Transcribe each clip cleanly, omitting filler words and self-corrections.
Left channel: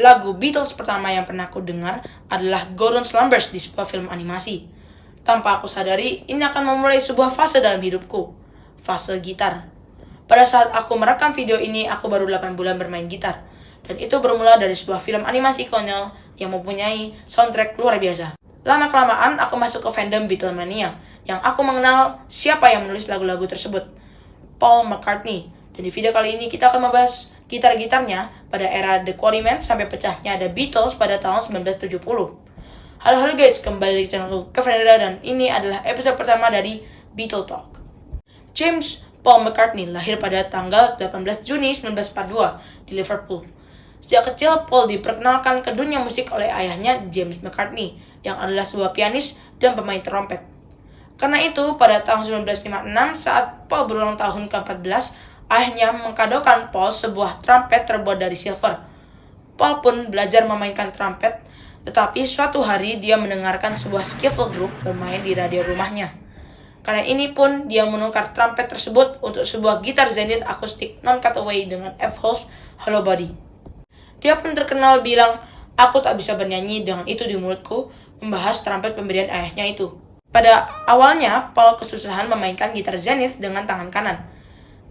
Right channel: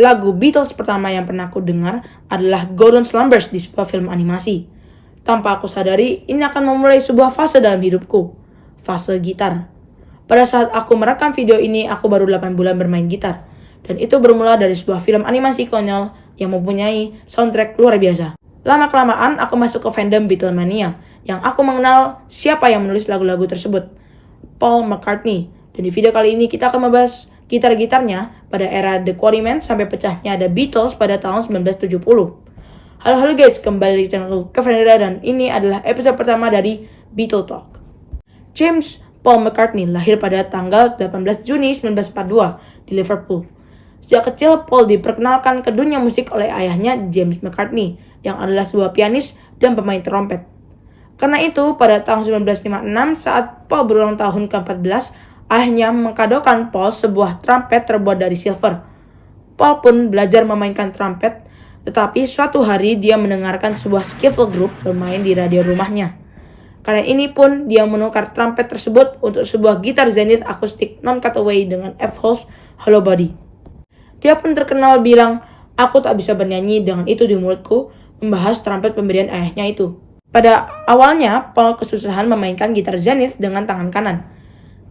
Lagu Beatles pertama yang pernah aku dengar adalah Golden Slumbers di sebuah film animasi. Tanpa aku sadari, ini akan memulai sebuah fase dalam hidupku. Fase gitar. Pada saat aku merekam video ini, aku baru 8 bulan bermain gitar. Dan itu bermula dari sebuah film animasi konyol yang mempunyai soundtrack luar biasa. Lama-kelamaan, aku masuk ke fandom Beatlemania, yang aku mengenal siapa yang menulis lagu-lagu tersebut. Paul McCartney. Dan di video kali ini kita akan membahas gitar-gitarnya pada era The Quarrymen sampai pecahnya The Beatles pada tahun 1970. Halo guys, kembali di channel Kevin dan ini adalah episode pertama dari Beatle Talk. James Paul McCartney lahir pada tanggal 18 Juni 1942 di Liverpool. Sejak kecil, Paul diperkenalkan ke dunia musik oleh ayahnya James McCartney yang adalah sebuah pianis dan pemain trompet. Karena itu, pada tahun 1956 saat Paul berulang tahun ke-14, ayahnya mengkadokan Paul sebuah trompet terbuat dari silver. Paul pun belajar memainkan trompet, tetapi suatu hari dia mendengarkan sebuah skiffle group bermain di radio rumahnya. Karena ini pun dia menukar trompet tersebut untuk sebuah gitar Zenith akustik non-cutaway dengan F-Holes hollow body. Dia pun terkenal bilang, "Aku tak bisa bernyanyi dengan itu di mulutku," membahas trompet pemberian ayahnya itu. Pada awalnya, Paul kesusahan memainkan gitar Zenith dengan tangan kanan.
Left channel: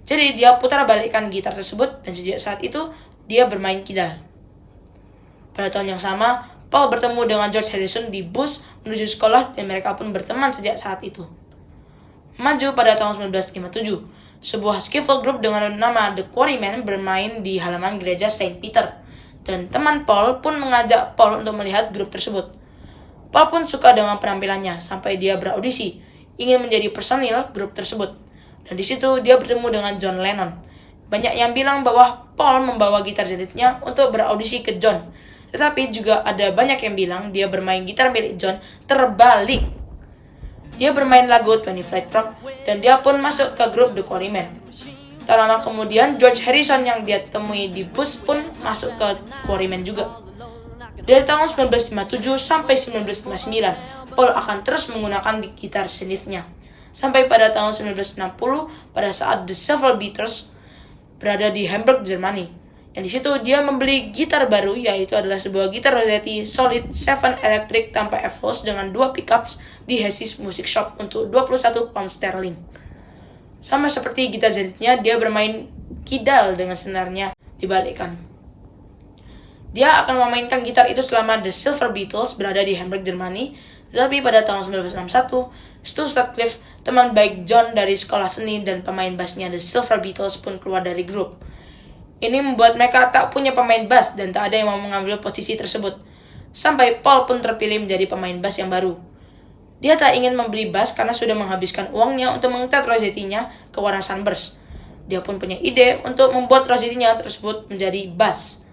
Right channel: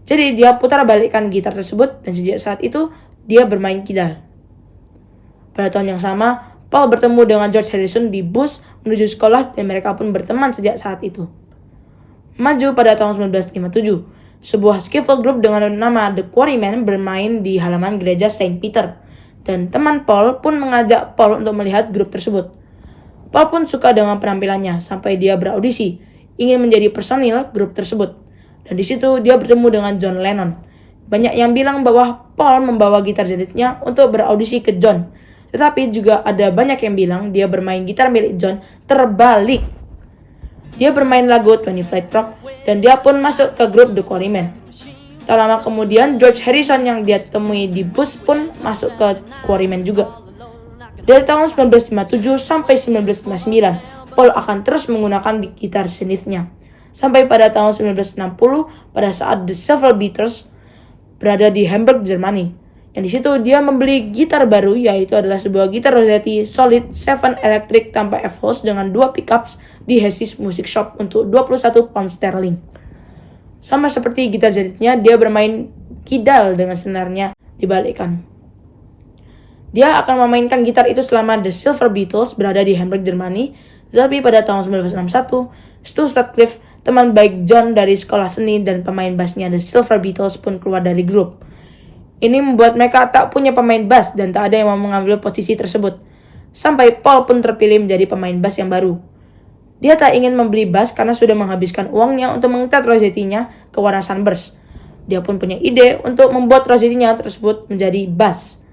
Jadi dia putar balikkan gitar tersebut dan sejak saat itu dia bermain kidal. Pada tahun yang sama, Paul bertemu dengan George Harrison di bus menuju sekolah dan mereka pun berteman sejak saat itu. Maju pada tahun 1957, sebuah skiffle group dengan nama The Quarrymen bermain di halaman gereja Saint Peter. Dan teman Paul pun mengajak Paul untuk melihat grup tersebut. Paul pun suka dengan penampilannya sampai dia beraudisi, ingin menjadi personil grup tersebut. Dan di situ dia bertemu dengan John Lennon. Banyak yang bilang bahwa Paul membawa gitar Zenith-nya untuk beraudisi ke John. Tetapi juga ada banyak yang bilang dia bermain gitar milik John terbalik. Dia bermain lagu 20 Flight Rock dan dia pun masuk ke grup The Quarrymen. Tak lama kemudian George Harrison yang dia temui di bus pun masuk ke Quarrymen juga. Dari tahun 1957 sampai 1959, Paul akan terus menggunakan gitar Zenith-nya. Sampai pada tahun 1960 pada saat The Silver Beatles berada di Hamburg, Jerman. Yang di situ dia membeli gitar baru, yaitu adalah sebuah gitar Rossetti Solid 7 Electric tanpa F-Holes dengan 2 pickups di Hessis Music Shop untuk 21 pound sterling. Sama seperti gitar Zenith-nya, dia bermain kidal dengan senarnya dibalikkan. Dia akan memainkan gitar itu selama The Silver Beatles berada di Hamburg, Jerman. Tetapi pada tahun 1961, Stu Sutcliffe, teman baik John dari sekolah seni dan pemain bassnya The Silver Beatles pun keluar dari grup. Ini membuat mereka tak punya pemain bass dan tak ada yang mau mengambil posisi tersebut. Sampai Paul pun terpilih menjadi pemain bass yang baru. Dia tak ingin membeli bass karena sudah menghabiskan uangnya untuk mengecat Rossetti-nya ke warna sunburst. Dia pun punya ide untuk membuat Rossetti-nya tersebut menjadi bass.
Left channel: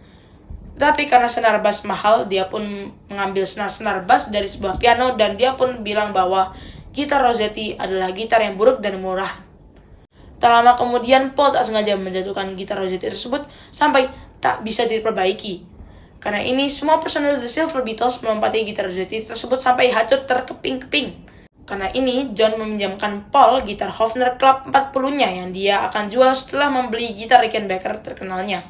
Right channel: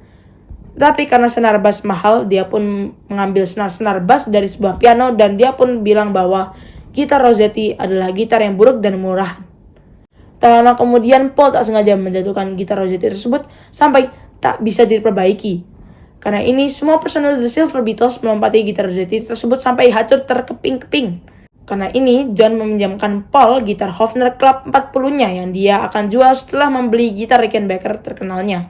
Tetapi karena senar bass mahal, dia pun mengambil senar-senar bass dari sebuah piano dan dia pun bilang bahwa gitar Rossetti adalah gitar yang buruk dan murah. Tak lama kemudian, Paul tak sengaja menjatuhkan gitar Rossetti tersebut sampai tak bisa diperbaiki. Karena ini, semua personel The Silver Beatles melompati gitar Rossetti tersebut sampai hancur terkeping-keping. Karena ini, John meminjamkan Paul gitar Hofner Club 40-nya yang dia akan jual setelah membeli gitar Rickenbacker terkenalnya.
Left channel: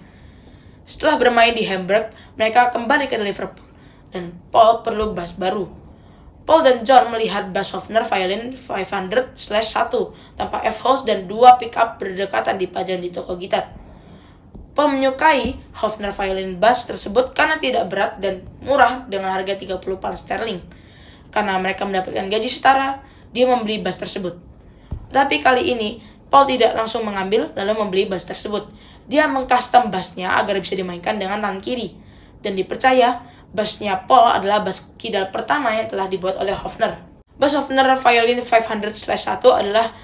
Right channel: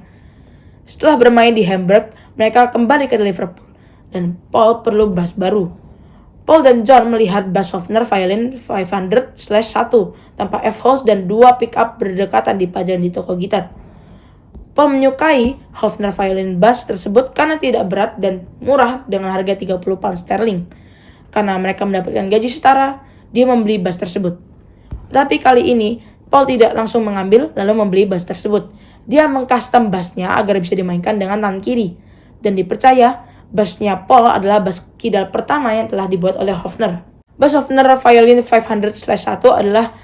Setelah bermain di Hamburg, mereka kembali ke Liverpool dan Paul perlu bass baru. Paul dan John melihat bass Hofner Violin 500/1 tanpa F-Holes dan 2 pickup berdekatan dipajang di toko gitar. Paul menyukai Hofner Violin bass tersebut karena tidak berat dan murah dengan harga 30 pound sterling. Karena mereka mendapatkan gaji setara, dia membeli bass tersebut. Tapi kali ini, Paul tidak langsung mengambil lalu membeli bass tersebut. Dia mengcustom bassnya agar bisa dimainkan dengan tangan kiri. Dan dipercaya, bassnya Paul adalah bass kidal pertama yang telah dibuat oleh Hofner. Bass Hofner Violin 500/1 adalah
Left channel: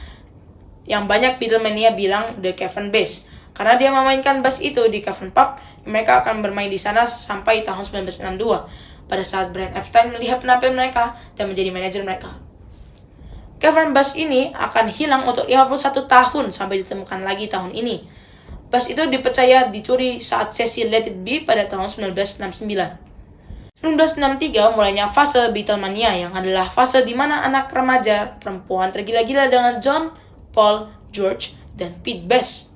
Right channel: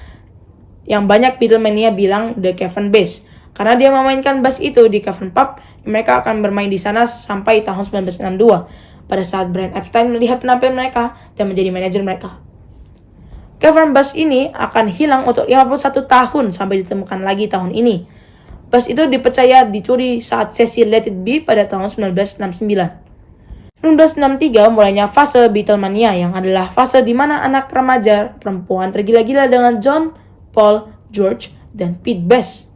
yang banyak Beatlemania bilang The Cavern Bass. Karena dia memainkan bass itu di Cavern Pub, mereka akan bermain di sana sampai tahun 1962. Pada saat Brian Epstein melihat penampilan mereka dan menjadi manajer mereka. Cavern Bass ini akan hilang untuk 51 tahun sampai ditemukan lagi tahun ini. Bass itu dipercaya dicuri saat sesi Let It Be pada tahun 1969. 1963 mulainya fase Beatlemania yang adalah fase di mana anak remaja perempuan tergila-gila dengan John, Paul, George, dan Pete Best.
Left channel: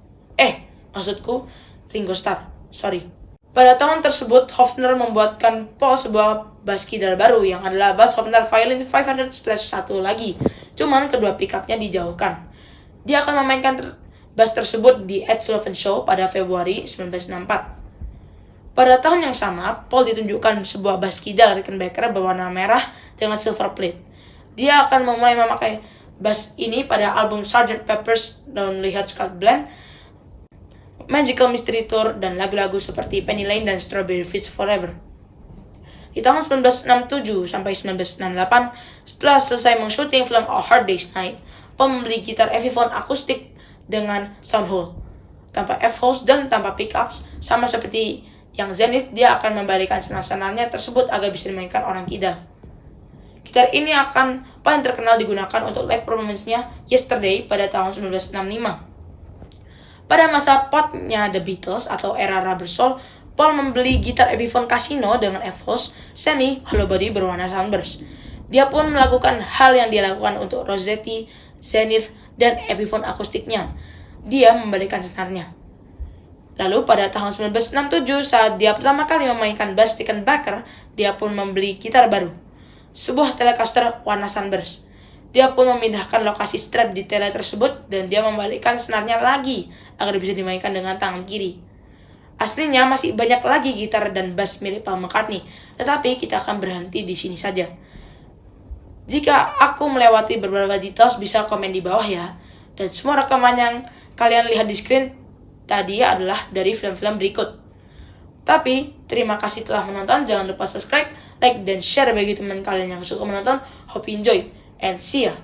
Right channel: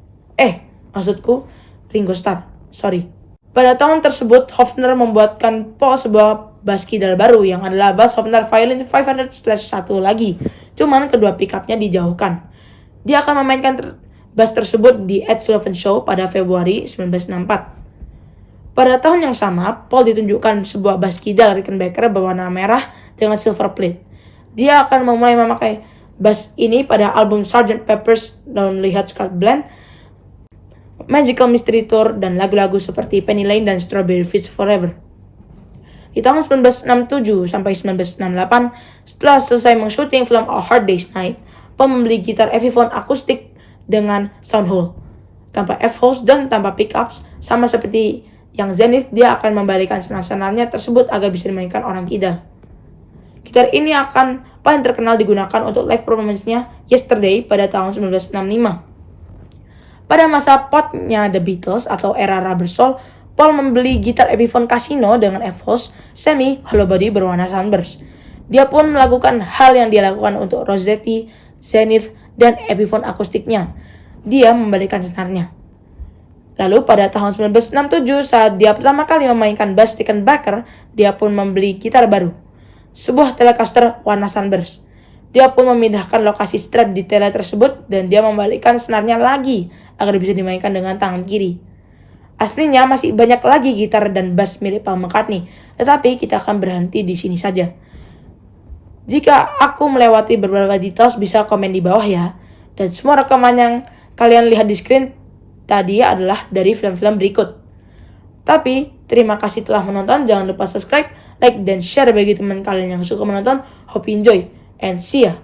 Maksudku Ringo Starr. Sorry. Pada tahun tersebut, Hofner membuatkan Paul sebuah bass kidal baru yang adalah bass Hofner Violin 500/1 lagi. Cuman kedua pickupnya dijauhkan. Dia akan memainkan bass tersebut di Ed Sullivan Show pada Februari 1964. Pada tahun yang sama, Paul ditunjukkan sebuah bass kidal Rickenbacker berwarna merah dengan silver plate. Dia akan memulai memakai bass ini pada album Sgt. Pepper's Lonely Hearts Club Band, Magical Mystery Tour, dan lagu-lagu seperti Penny Lane dan Strawberry Fields Forever. Di tahun 1967 sampai 1968, setelah selesai mengsyuting film A Hard Day's Night, Paul membeli gitar Epiphone akustik dengan sound hole, tanpa F-holes dan tanpa pickups. Sama seperti yang Zenith, dia akan membalikan senar-senarnya tersebut agar bisa dimainkan orang kidal. Gitar ini akan paling terkenal digunakan untuk live performance-nya Yesterday pada tahun 1965. Pada masa potnya The Beatles atau era Rubber Soul, Paul membeli gitar Epiphone Casino dengan F-holes semi hollow body berwarna sunburst. Dia pun melakukan hal yang dia lakukan untuk Rosetti, Zenith, dan Epiphone akustiknya. Dia membalikan senarnya. Lalu pada tahun 1967 saat dia pertama kali memainkan bass Rickenbacker, dia pun membeli gitar baru, sebuah Telecaster warna sunburst. Dia pun memindahkan lokasi strap di tele tersebut dan dia membalikkan senarnya lagi agar bisa dimainkan dengan tangan kiri. Aslinya masih banyak lagi gitar dan bass milik Paul McCartney, tetapi kita akan berhenti di sini saja. Jika aku melewati beberapa details, bisa komen di bawah ya. Dan semua rekaman yang kalian lihat di screen tadi adalah dari film-film berikut. Tapi, terima kasih telah menonton. Jangan lupa subscribe, like, dan share bagi teman kalian yang suka menonton. Hope you enjoy, and see ya!